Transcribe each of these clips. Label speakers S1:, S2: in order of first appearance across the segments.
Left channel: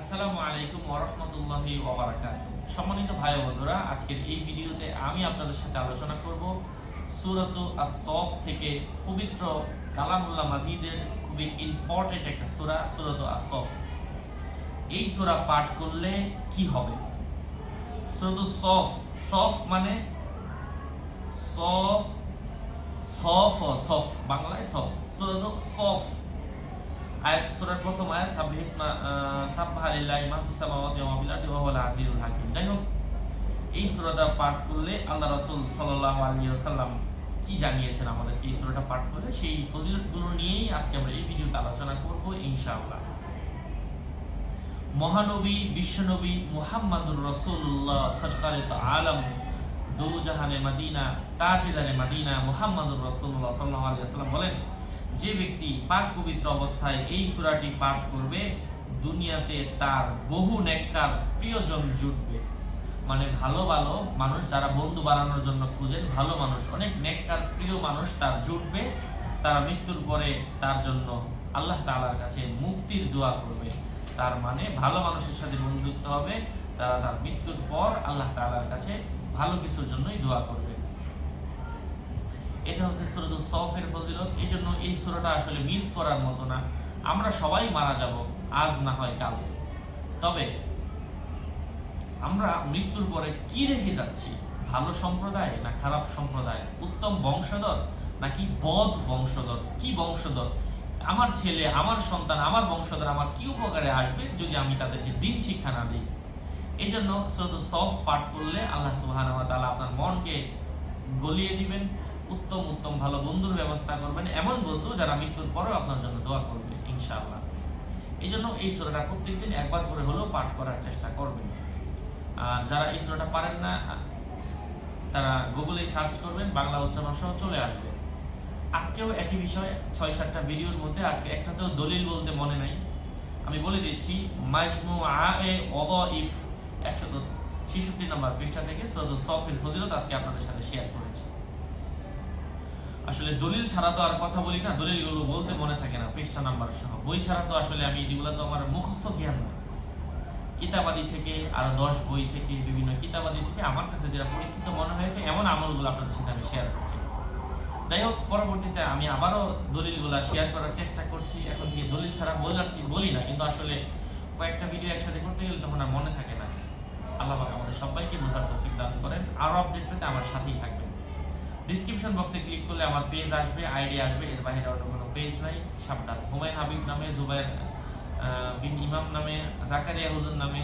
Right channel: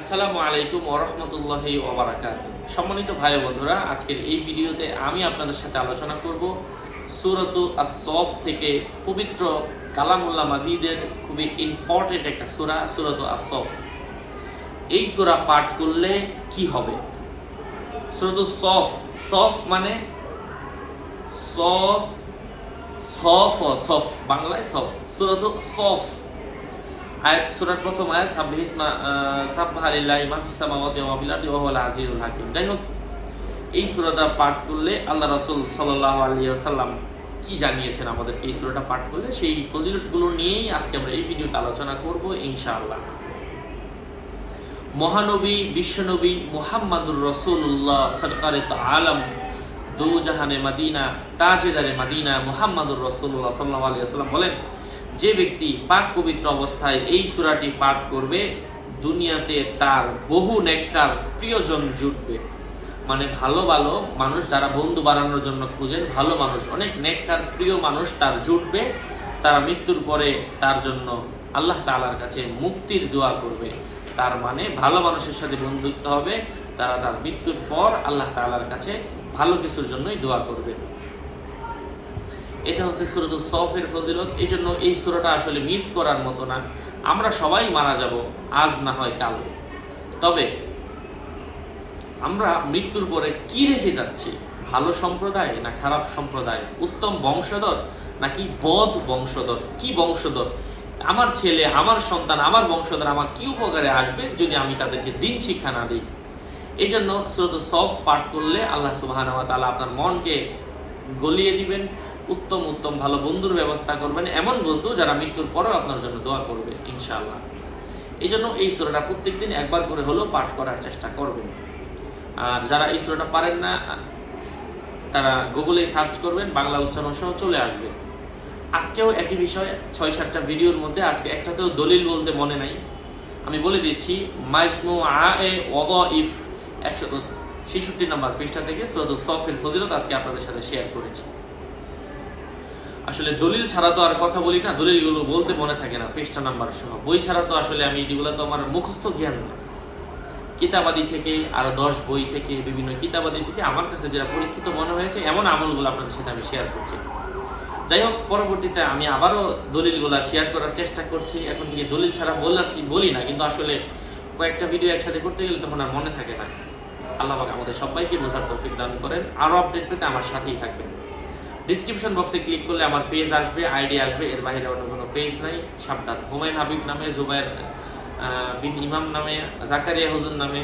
S1: আসসালামু আলাইকুম ওরহমতুল্লাহি ওবরাকাত সম্মানিত ভাই বন্ধুরা, আজকের এই ভিডিওতে আমি আপনাদের সাথে আলোচনা করব সুরতু আসফ থেকে পবিত্র কালামুল্লাহ মাজিদের খুবই ইম্পর্টেন্ট একটা সূরা, সুরতু আসফ এই সূরা পাঠ করলে কি হবে? সুরতু সফ সফ মানে সফ সফ সফ, বাংলায় সফ। সুরতু সফ। আয়াত, সূরার প্রথম আয়াত ফিস সামাওয়াতি ওয়া ফিল আরদি ওয়া হুয়াল আজিজুল হাকিম। যাই হোক এই পাঠ করলে আল্লাহ রাসূল সাল্লাল্লাহু আলাইহি ওয়াসাল্লাম কি জানিয়েছেন আমাদেরকে এই পাঠ করলে? সেই ফজিলতগুলো নিয়েই আজকে আমরা এই ভিডিওতে আলোচনা করব ইনশাআল্লাহ। মহানবী, বিশ্বনবী মুহাম্মাদুর রসুল্লাহ সরকারে তো আলম দু জাহানে মাদিনা, তাজেদারে মাদিনা মুহাম্মাদুর রসুল্লাহ সাল্লাহ সাল্লাম বলেন যে ব্যক্তি পাক পবিত্র অবস্থায় এই সূরাটি পাঠ করবে, দুনিয়াতে তার বহু নেককার প্রিয়জন জুটবে। মানে ভালো ভালো মানুষ যারা বন্ধু বাড়ানোর জন্য খুঁজেন, ভালো মানুষ, অনেক নেককার প্রিয় মানুষ তার জুটবে, তারা মৃত্যুর পরে তার জন্য আল্লাহ তাআলার কাছে মুক্তির দোয়া করবে। তার মানে ভালো মানুষের সাথে বন্ধুত্ব হবে, তারা তার মৃত্যুর পর আল্লাহ তাআলার কাছে ভালো কিছুর জন্যই দোয়া করবে। এটা হচ্ছে সুরত সফের ফজিলত। এই জন্য এই সুরাটা আসলে মিস করার মতো না। আমরা সবাই মারা যাব, আজ না হয় কাল। তবে আমরা মৃত্যুর পরে কি রেখে যাচ্ছি? ভালো সম্প্রদায় না খারাপ সম্প্রদায়? উত্তম বংশধর নাকি বদ বংশধর? কি বংশধর? আমার ছেলে, আমার সন্তান, আমার বংশধর আমার কি উপকারে আসবে যদি আমি তাদেরকে দিন শিক্ষা না দিই? এই জন্য সুরত সফ পাঠ করলে আল্লাহ সুবাহ আপনার মনকে গলিয়ে দিবেন। উত্তম উত্তম, ভালো বন্ধুর ব্যবস্থা করবেন এমন বন্ধু যারা মৃত্যুর পরেও আপনার জন্য দোয়া করবে, ইনশাআল্লাহ। এই জন্য এই সুরাটা প্রত্যেকদিন একবার করে হলেও পাঠ করার চেষ্টা করবেন। আর যারা এই সুরাটা পারেন না, তারা গুগলে সার্চ করবেন, বাংলা উচ্চারণ সহ চলে আসবে। আজকেও একই বিষয়, ছয় সাতটা ভিডিওর মধ্যে, আজকে একটাতেও দলিল বলতে মনে নাই। আমি বলে দিচ্ছি মাইসমু আ এ ইফ ছেষট্টি নম্বর পৃষ্ঠা থেকে সুরত সফের ফজিলত আজকে আপনাদের সাথে শেয়ার করেছি। আসলে দলিল ছাড়া তো আর কথা বলি না, দলিলগুলো বলতে মনে থাকে না, পৃষ্ঠা নাম্বার সহ। বই ছাড়া তো আসলে আমি এগুলো তো আমার মুখস্থ জ্ঞান না। কিতাবাদি থেকে, আরও দশ বই থেকে, বিভিন্ন কিতাবাদি থেকে আমার কাছে যেটা পরীক্ষিত মনে হয়েছে, এমন আমলগুলো আপনাদের সাথে আমি শেয়ার করছি। যাই হোক, পরবর্তীতে আমি আবারও দলিলগুলো শেয়ার করার চেষ্টা করছি। এখন থেকে দলিল ছাড়া বললাম বলি না, কিন্তু আসলে কয়েকটা ভিডিও একসাথে করতে গেলে তখন আর মনে থাকে না। আল্লাহ আমাদের সবাইকে বোঝার তৌফিক দান করেন। আরও আপডেট পেতে আমার সাথেই থাকবেন। ডিসক্রিপশন বক্সে ক্লিক করলে আমার পেজ আসবে আইডি আসবে, এর বাইরে অন্য কোনো পেজ নাই। সাবধান। হুমায়ুন হাবিব নামে জুবাইর বিন ইমাম নামে, জাকারিয়া হুজুর নামে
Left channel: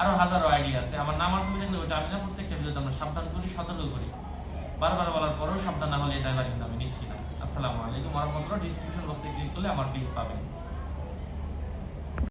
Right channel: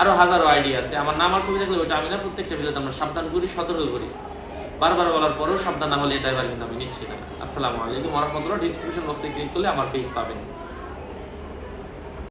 S1: আরও হাজারো আইডি আছে। আমার নাম আর ছবি থাকলে ওটা আমি না, প্রত্যেকটা ভিডিওতে আমরা সাবধান করি, সতর্ক করি। বারবার বলার পরেও সাবধান না হলে ড্রাইভার কিন্তু আমি নিচ্ছি না। আসসালামু আলাইকুম রহমতুল্লাহ। ডিসক্রিপশন বক্সে ক্লিক করলে আমার পেজ পাবেন।